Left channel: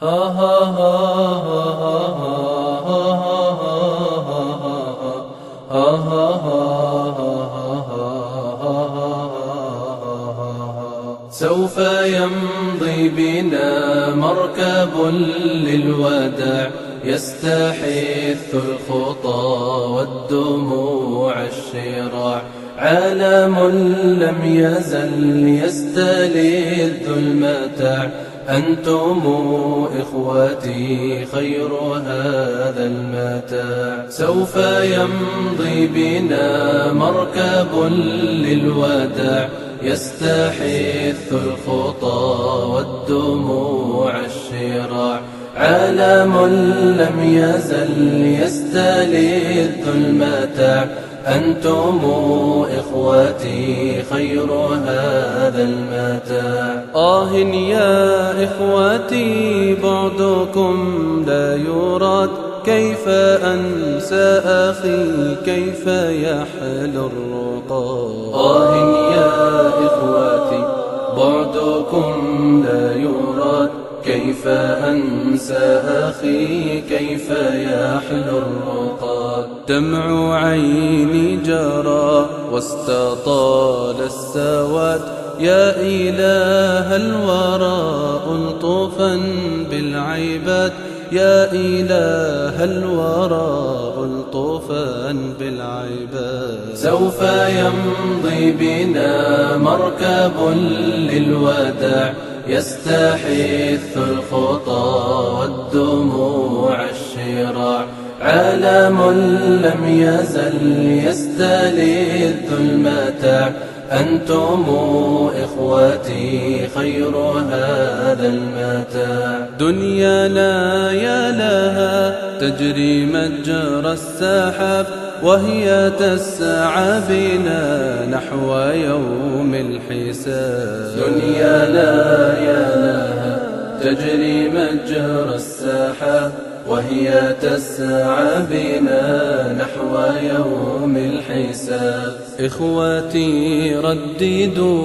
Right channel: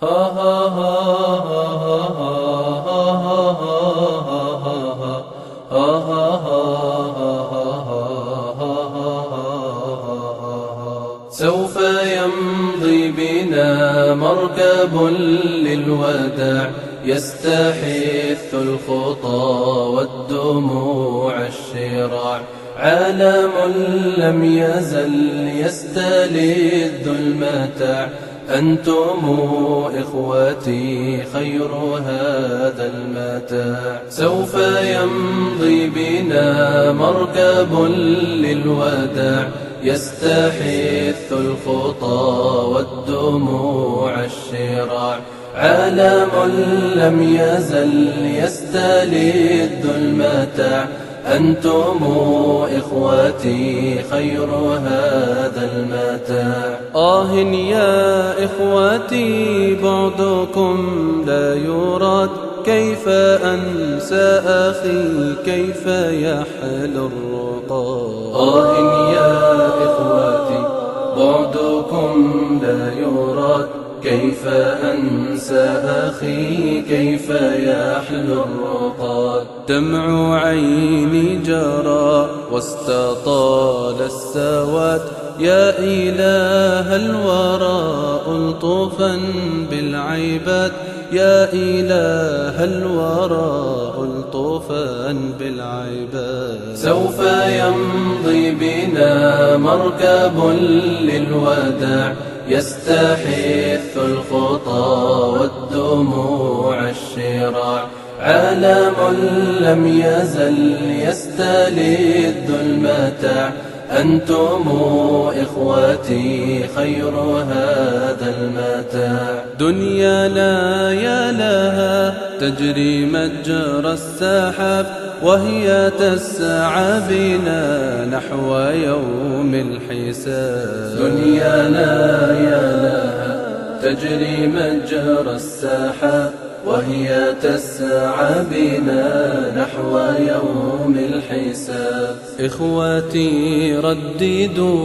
سوف يمضي بنا مركب للوداع يستحث الخطى والدموع الشراع، عالم لم يزل يستلذ المتاع، أنتم إخوتي خير هذا المتاع. سوف يمضي بنا مركب للوداع يستحث الخطى والدموع الشراع، عالم لم يزل يستلذ المتاع، أنتم إخوتي خير هذا المتاع. يا إخوتي بعدكم لا يراد، كيف أنسى أخي كيف يحل الرقاد. يا إخوتي بعدكم لا يراد، كيف أنسى أخي كيف يحل الرقاد. دمع عيني جرى واستطال السواد، يا إله الورى ألطفا بالعباد، يا إله الورى ألطفا بالعباد. سوف يمضي بنا مركب للوداع يستحث الخطى والدموع الشراع، عالم لم يزل يستلذ المتاع، أنتم إخوتي خير هذا المتاع. دنيانا يا لها تجري مجرى السحاب، وهي تسعى بنا نحو يوم الحساب. دنيانا يا لها تجري مجرى السحاب، وهي تسعى بنا نحو يوم الحساب. إخوتي رددوا